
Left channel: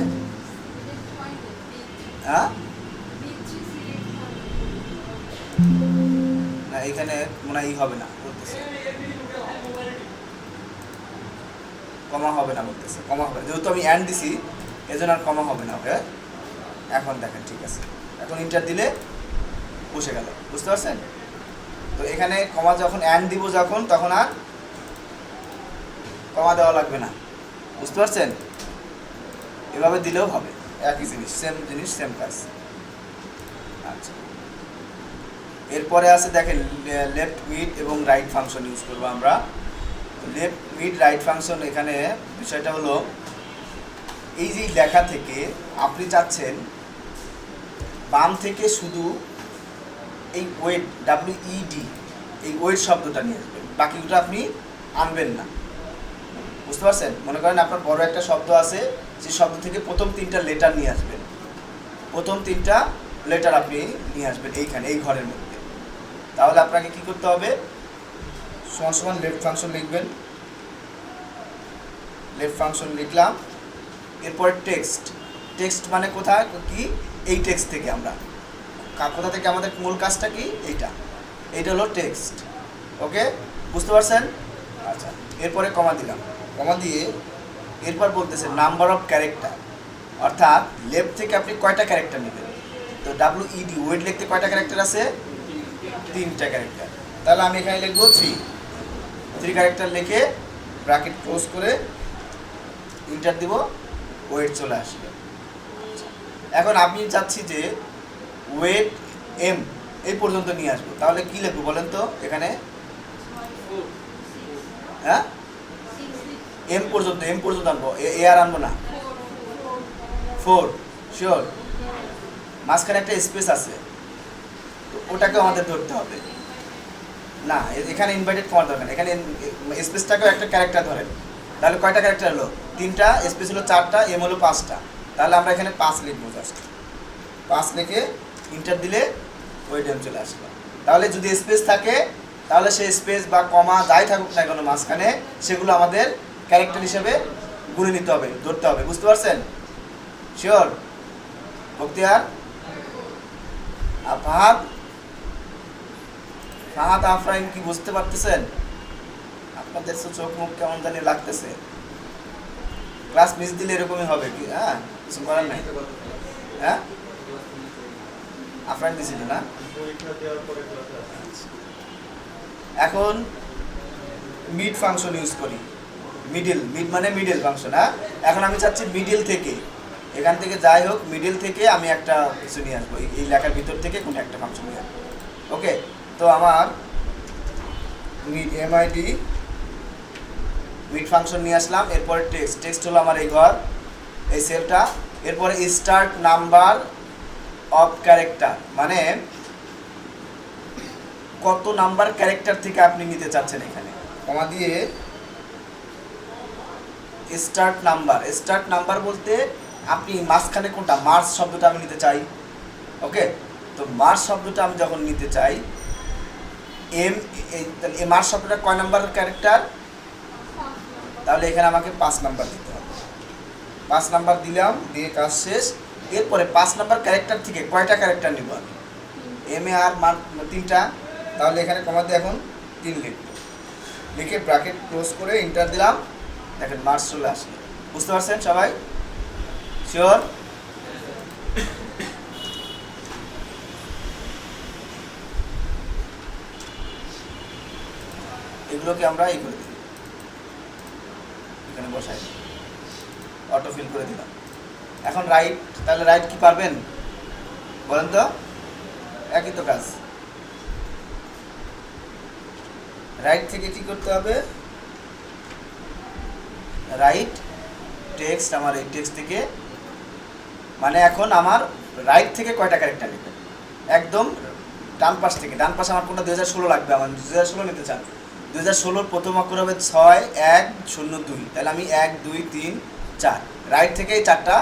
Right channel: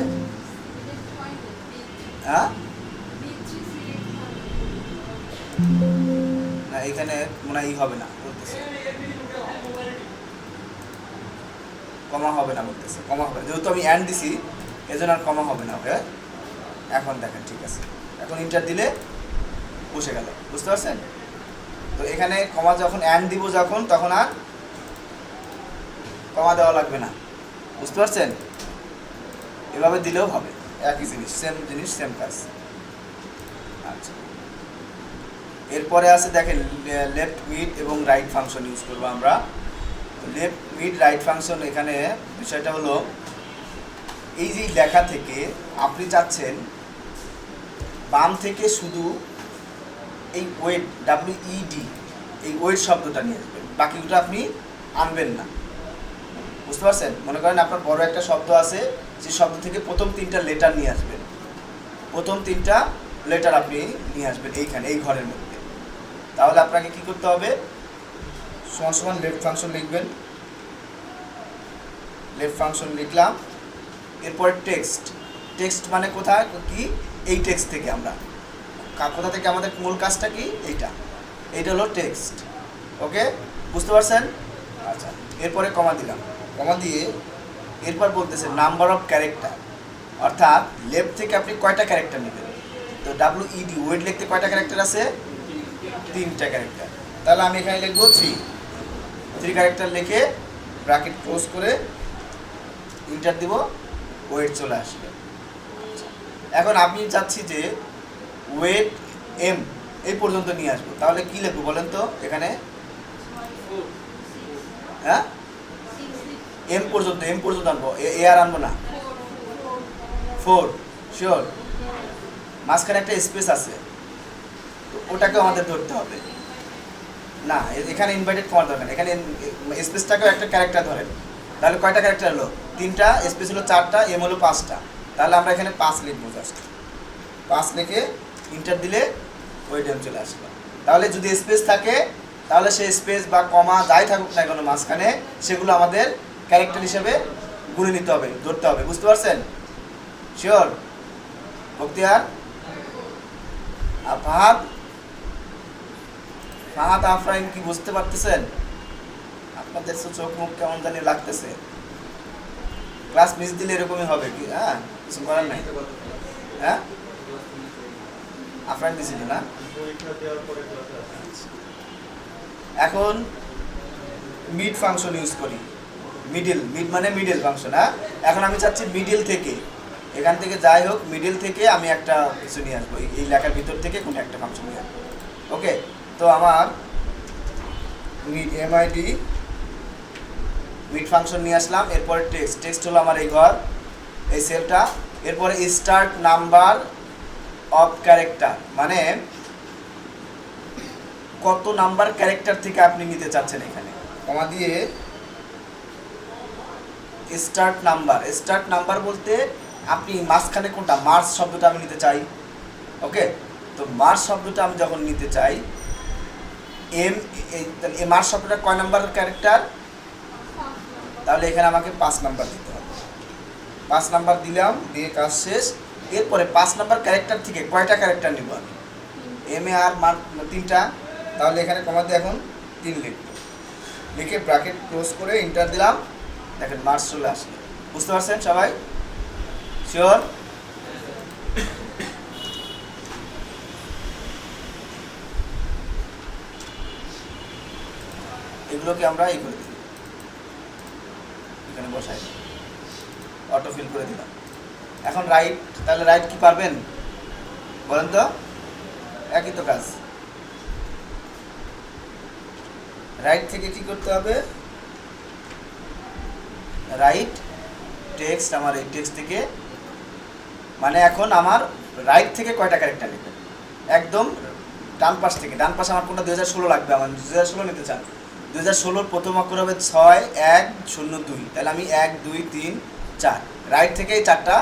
হ্যাঁ না, এখানে মনে হয় হবে না বলতেছে, কমা হবে না বলতেছে, কমা হবে যেহেতু আমি অ্যান্ড দিছি, এজন্য আর কমা হবে না। ওকে, এখন দেখেন ঠিক আছে, এখন ইন্টার দিলে বসে গেল। বুঝতে পারছেন? তো এখানে কমা যখন অ্যান্ড দিব যখন, তখন আর কমা দেওয়া লাগবে না। বুঝতে পারছেন? এভাবে দিলেও হবে, একই জিনিস, সেম জিনিস সেম কাজ। আচ্ছা, এরপরে আছে দেখেন লেফট মিড এবং রাইট ফাংশন ইউজ করবো আমরা। লেফট মিড রাইট ফাংশন, এখানে বিষয়টা হলো এই যে লেখা থেকে আপনি চাচ্ছেন বাম থেকে শুধু এই ওয়েট WED এই ওয়েট শব্দটা নিয়ে আসবেন, বাকিটা আপনি আনবেন না। বুঝতে পারছেন? মনে করেন আপনার বড় একটা শব্দ আছে, সেই শব্দ থেকে প্রথম 3টা লেটার নিয়ে আসবেন, প্রথম 3টা লেটার আপনি নিয়ে আসবেন এইখানে এই ঘরের মধ্যে। তাহলে আপনাকে কি করতে হবে, সমান সমান লেফট ফাংশন লিখবেন, লেফট ফাংশন লিখলাম। এরপর টেক্সট মানে কোথায় কি, এই টেক্সট থেকে আমরা কোথা থেকে আমাদের মূল কাজটা কি, এইটা হলো টেক্সট। ওকে, বুঝতে পারছেন? আচ্ছা, এরপরে কমা দিলাম, কমা দিয়ে এরপর বলতেছে নাম্বার অফ ক্যারেক্টার, অর্থাৎ লেফট থেকে আপনি কয়টা ক্যারেক্টার নেবেন। তো WED ওয়েট লিখতে কয়টা ক্যারেক্টার আছে, 3টা ক্যারেক্টার। তাহলে আমি এখানে লিখবো 3 ক্যারেক্টার লিখে ব্র্যাকেট ক্লোজ করে ইন্টার দিব, ওয়েট চলে আসবে। এখন আমি চাচ্ছি যে ওয়েট M এই পর্যন্ত নিয়ে আসবো, তাহলে কি লিখবো বলেন তো এখানে? হ্যাঁ, এম পর্যন্ত আনবো, এ আর আনবো না। 4 শিওর। মাঝখানে একটা স্পেস আছে, ওটাকেও আমাদের ধরতে হবে না, এখানে ইনভাইটেড কমার দরকার, এখানে স্পেসটাকেও একটা ক্যারেক্টার ধরেন। তাহলে কয়টা ক্যারেক্টার হলো? 3টা, স্পেস হলো 4টা, এম হলো 5টা। তাহলে আমরা এখানে 5 লিখবো, জাস্ট 5 লিখে ইন্টার দিলে ওই ডেম চলে আসবে। তাহলে যদি স্পেস থাকে তাহলে সেই স্পেস বা কমা যাই থাকুক না কেন মাঝখানে, সেগুলো আমাদের ক্যারেক্টার হিসেবে গুনে নিতে হবে, ধরতে হবে। বুঝতে পারছেন? শিওর? বক্তিয়ার, ফাহাদ, আফরাইন কি বুঝতে পারতেছেন? আপনাদের চোখ মুখ কেমন জানি লাগতেছে। ক্লাস মিস দিলে এরকমই হবে কি? হ্যাঁ, কিছু করার নাই। হ্যাঁ, আফরাইন দিছিল না। এখন মিড ফাংশন ইউজ করি। মিড মানে মিডল ফাংশন। হ্যাঁ, এখন আমি চাচ্ছি মিডল থেকে, এখান থেকে যাই হোক মিডল থেকে আমি একটা কিছু নিয়ে আসবো, এই লেখার ভিতর থেকে কোনো একটা ফাংশন নিয়ে আসবো। ওকে, তো আমার এমআইডি মিড ফাংশন নিয়ে আসলাম। এরপরে টেক্সট হলো আমার এই ঘর, এই সেলটা। এরপরে স্টার্ট নাম্বার অফ ক্যারেক্টার, মানে কত নাম্বার ক্যারেক্টার থেকে আপনি নিতে চাচ্ছেন, এখানে কমা দিয়ে স্টার্ট নাম্বার বলতে আপনি মাঝখানে কোনটা, মার্চ শব্দটা আমি নিতে চাই। ওকে, তো মার্চ শব্দটা আমি যখন নিতে চাই, এই মার্চ শব্দটা কয় নাম্বার ক্যারেক্টার? তাহলে এখানে আমাকে 5 নাম্বার দিতে হবে। 5 নাম্বার দিলাম, দিয়ে কাজ শেষ। এরপরে 5 নাম্বার ক্যারেক্টার থেকে কয়টা ক্যারেক্টার নিব আমি? এম এ আর 3টা। তাহলে এখানে কমা দিয়ে এখন 3 লিখব, লিখে ব্র্যাকেট ক্লোজ করে এন্টার দিলাম। দেখেন মার্চ চলে আসলো। বুঝতে পারছেন সবাই? শিওর? এগুলোকে আমরা এই করে দিই, এখানে বসাই অটো ফিল করে দিলাম। এখন রাইট, তাহলে রাইট কি পারবেন বলেন তো? একই তো কাজ। রাইট থেকে কি করতে হবে? রাইট টেক্সট, আমার এই টেক্সট থেকে, মানে এখন আমার রাইট থেকে কয়টা ক্যারেক্টার নেবে? একদম ডান পাশ থেকে। ডান পাশে আমার কোনটা 2016 লাগবে, আমার 2016 নিতে চান। 2016 প্রথম অক্ষর হবে 6102। তাহলে আমি 1 2 3 4 রাইট থেকে এই 4টা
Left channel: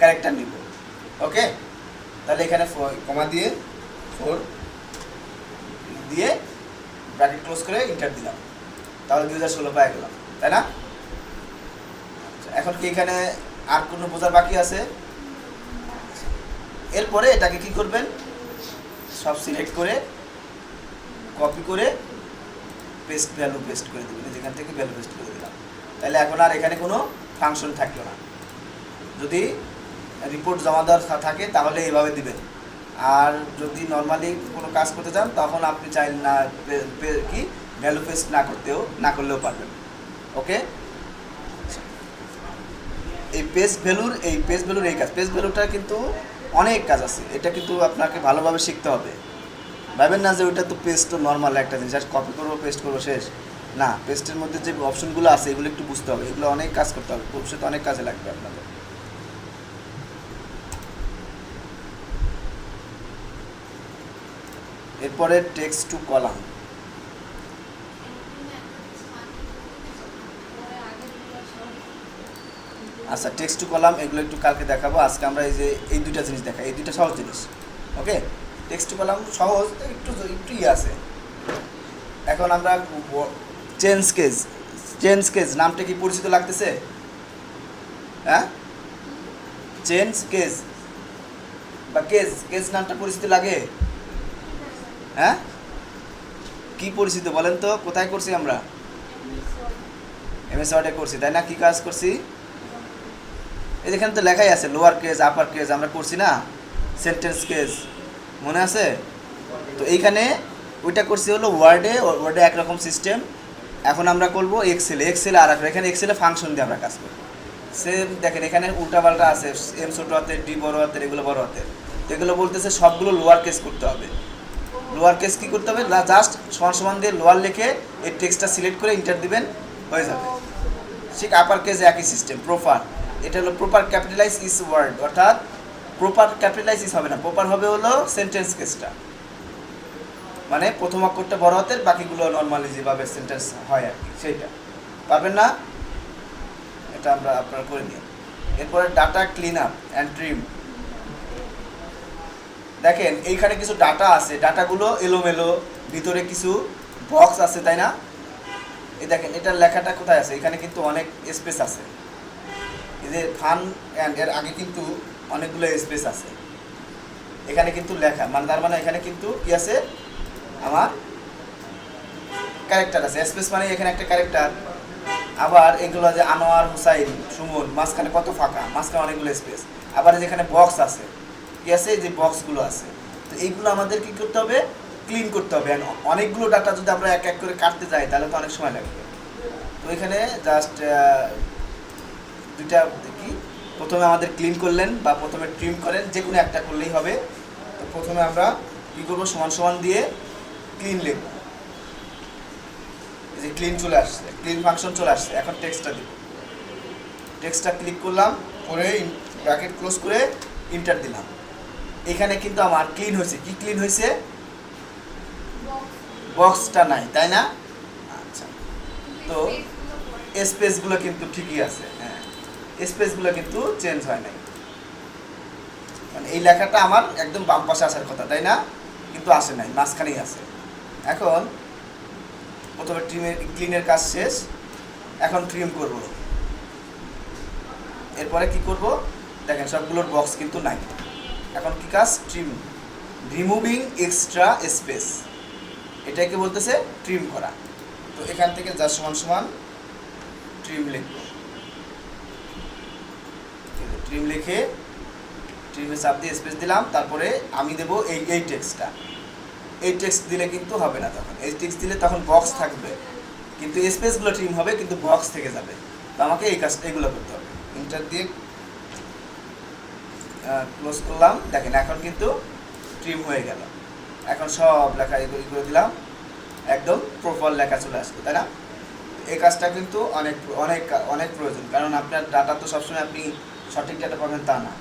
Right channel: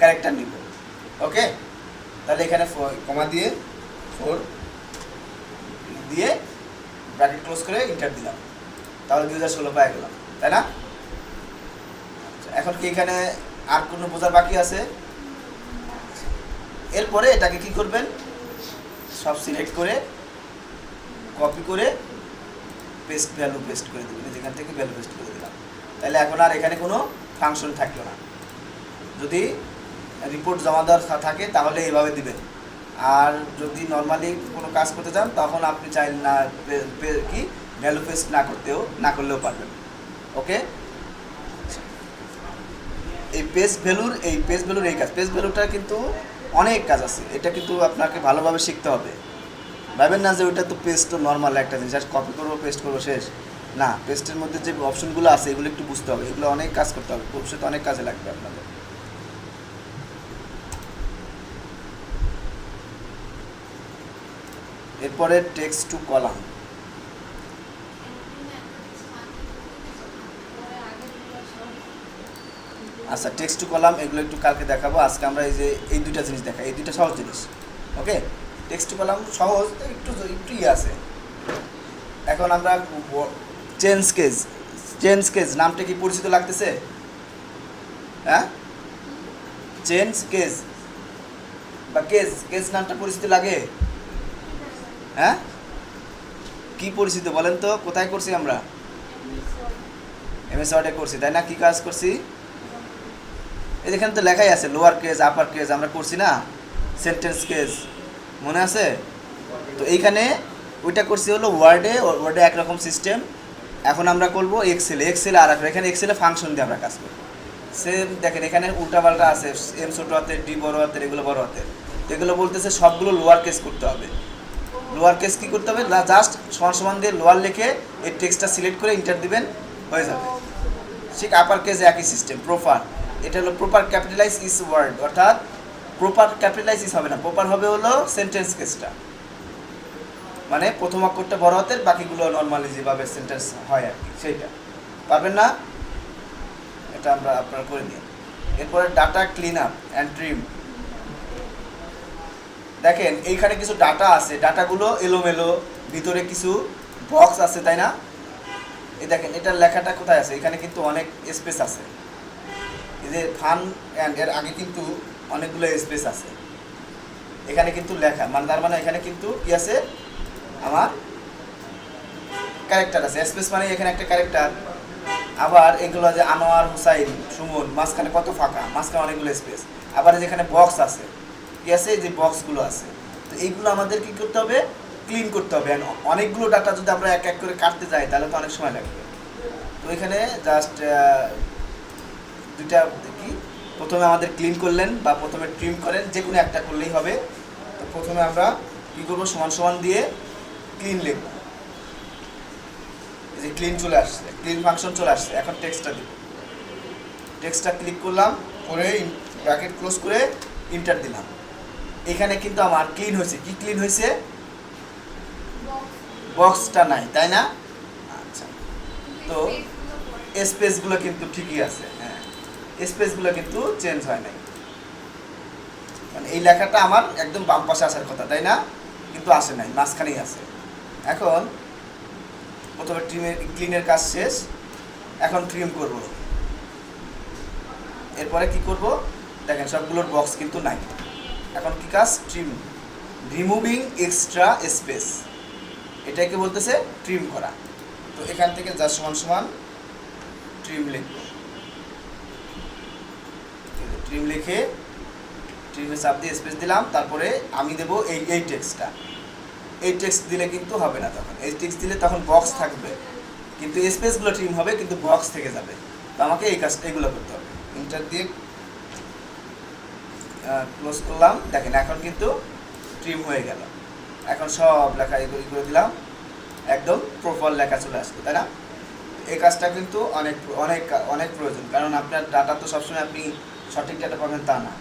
ক্যারেক্টার নিব। ওকে, তাহলে এখানে কমা দিয়ে 4 দিয়ে ব্র্যাকেট ক্লোজ করে এন্টার দিলাম। তাহলে 2016 পেয়ে গেলাম, তাই না? এখন কি এখানে আর কোনো বোঝার বাকি আছে? এরপরে এটাকে কি করবেন? সব সিলেক্ট করে কপি করে ভ্যালু পেস্ট করে দেবেন, যেখান থেকে ভ্যালু পেস্ট করে দিলাম। তাহলে এখন আর এখানে কোনো ফাংশন থাকলো না। যদি রিপোর্ট জমা দেওয়ার থাকে তাহলে এইভাবে দিবেন, আর যদি নর্মালি কোনো কাজ করতে চান তখন আপনি চাইলে না কি ভ্যালু পেস্ট না করলেও পারবেন। ওকে, এই পেস্ট ভ্যালুর এই কাজ, পেস্ট ভ্যালুটা কিন্তু অনেক কাজ আছে, এটা কিন্তু আপনাকে ভালোভাবে শিখতে হবে। ভাবেন না যে ওইটা তো পেস্ট তো নর্মাল একটা জিনিস, আর কপি করবো পেস্ট করবো শেষ না। পেস্টের মধ্যে যে অপশনগুলো আছে এগুলো একটু বুঝতে হবে, এগুলো অনেক কাজ করতে হবে, ভবিষ্যতে অনেক কাজে লাগবে আপনাদের। এরপরে টেক্সট টু কলাম। আচ্ছা, টেক্সট টু কলাম এগুলো একটু কালকে দেখাবো। আজকে আমরা এই যে এই দুইটা জিনিস দেখাই, এই দুইটা সহজ জিনিস। ওকে, টেক্সট টু কলাম সহজ, একটু ইয়ে আছে। এখন আমরা চেঞ্জ কেস নামটা কি পরিচিত লাগতেছে? হ্যাঁ, চেঞ্জ কেস বা কেস নামটা পরিচিত লাগে? হ্যাঁ, কি পরিচিত বলেন তো? কোথায় করছি আমরা? এমএস ওয়ার্ডে করছি, তাই না? কি কাজ করছি? এই যেখানে তো লেখাই আছে লোয়ার কেস আপার কেস, আমরা করছি না? সেন্টেন্স কেস মনে আছে? তো এইখানে ওইটা করছি হলো ওয়ার্ডে একরকম সিস্টেম। এখন আমরা করবো এক্সেলে আর এখানে এক্সেলে ফাংশন দিয়ে আমরা কাজ করি। সেম দেখেন এখানে উল্টাপাল্টা আছে, এম ছোট হাতের, ডি বড় হাতের, এগুলো বড় হাতের। তো এগুলো বলতেছে সবগুলো লোয়ার কেস করতে হবে। লোয়ার কেস কী করতে হবে, জাস্ট সমান সমান দিয়ে লোয়ার লিখে এই টেক্সটটা সিলেক্ট করে ইন্টার দিবেন, হয়ে যাবে। ঠিক আপার কেসে একই সিস্টেম। প্রপার, এটা হলো প্রপার ক্যাপিটালাইজ ইস ওয়ার্ড, অর্থাৎ প্রপার ক্যাপিটালাইজ ইস হবে না, প্রপার হবে হলো সেন্টেন্স কেসটা, মানে প্রথম অক্ষরটা বড় হাতের, বাকিগুলো নর্মালি যেভাবে সেন্টেন্স হয় আর কি সেইটা। পারবেন না, এটা আমরা আপনারা করে নিই। এরপরে data clean up and trim. দেখেন এইখানে কিছু ডাটা আছে, ডাটাগুলো এলোমেলো, ভিতরে কিছু বক্স আছে, তাই না? এই দেখেন এটার লেখাটা কোথায় আছে, এখানে কিন্তু অনেক স্পেস আছে, এই যে ফান অ্যান্ড এর আগে কিন্তু অনেকগুলো স্পেস আছে, এখানে কিন্তু লেখা, মানে তার মানে এখানে কিন্তু কি আছে, আমার ক্যারেক্টার আছে। স্পেস মানে এখানে একটা ক্যারেক্টার। আবার এগুলো যে আনোয়ার, হুসাইন, সুমন, মাঝখানে কত ফাঁকা, মাঝখানে অনেকগুলো স্পেস। আবার যেখানে বক্স আছে, কি আছে, যে বক্সগুলো আছে, তো এইগুলো আমাদের কি করতে হবে, ক্লিন করতে হবে। অনেকগুলো ডাটা যদি আমরা এক এক করে কাটতে যাই তাহলে তো অনেক সময় লাগবে। তো এখানে জাস্ট দুইটা কি, প্রথমে আমাদের ক্লিন করলেন বা প্রথমে ট্রিম করেন, যে কোনো একটা করলেই হবে। তো প্রথমে আমরা কী করবো, সমান সমান দিয়ে ক্লিন লিখব, এই যে ক্লিন চলে আসছে, ক্লিন ফাংশন চলে আসছে। এখন টেক্সটটা দিব, টেক্সটটা ক্লিক করলাম, করে ব্র্যাকেট ক্লোজ করে ইন্টার দিলাম। এখানে কিন্তু আমার ক্লিন হয়েছে। কি ক্লিন হয়েছে, বক্সটা নাই, তাই না? আচ্ছা, তো স্পেসগুলো কিন্তু ঠিকই আছে, হ্যাঁ, স্পেসগুলো কিন্তু চেঞ্জ হয় নাই, মানে এই লেখাটা আমার একদম বাম পাশে আসার কথা, তাই না? কিন্তু আসে নাই, মাঝখানেই আছে। এখন প্রথমে ক্লিনের কাজ শেষ, এখন ট্রিম করব। এরপরে কি করব, দেখেন সবগুলোর বক্স কিন্তু নাই। এখন কি কাজ, ট্রিম, রিমুভিং এক্সট্রা স্পেস, এটাকে বলতেছে ট্রিম করা। তো এখান থেকে যা সমান সমান ট্রিম লিখব, ট্রিম লিখে ট্রিমে চাপ দিয়ে স্পেস দিলাম, তারপরে আমি দেবো এই টেক্সটটা। এই টেক্সট দিলে কিন্তু হবে না, তখন এই টেক্সট দিলে তখন বক্স থাকবে, কিন্তু স্পেসগুলো ট্রিম হবে কিন্তু বক্স থেকে যাবে। তো আমাকে এই কাজ এগুলো করতে হবে। ইন্টার দিয়ে ক্লোজ করলাম, দেখেন এখন কিন্তু ট্রিম হয়ে গেল। এখন সব লেখা এগুলো করে দিলাম, একদম প্রপার লেখা চলে আসবে, তাই না? এই কাজটা কিন্তু অনেক অনেক অনেক প্রয়োজন, কারণ আপনার ডাটা তো সবসময় আপনি সঠিক ডাটা পাবেন তা না,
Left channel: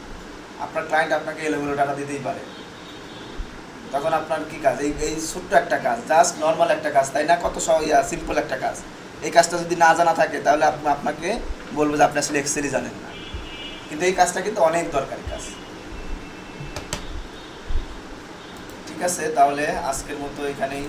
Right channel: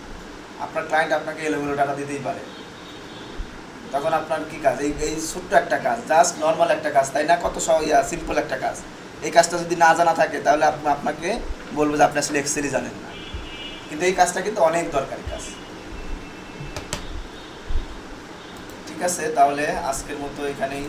আপনার ক্লায়েন্ট আপনাকে এলোমেলো ডাটা দিতেই পারে। তখন আপনার কি কাজ, এই ছোট্ট একটা কাজ, জাস্ট নর্মাল একটা কাজ, তাই না? কত সিম্পল একটা কাজ। এই কাজটা যদি না জানা থাকে তাহলে আপনাকে বলবো যে আপনি আসলে এক্সেলই জানেন না, কিন্তু এই কাজটা কিন্তু অনেক দরকারি কাজ। ঠিক আছে, তাহলে আজকের মতো এখানেই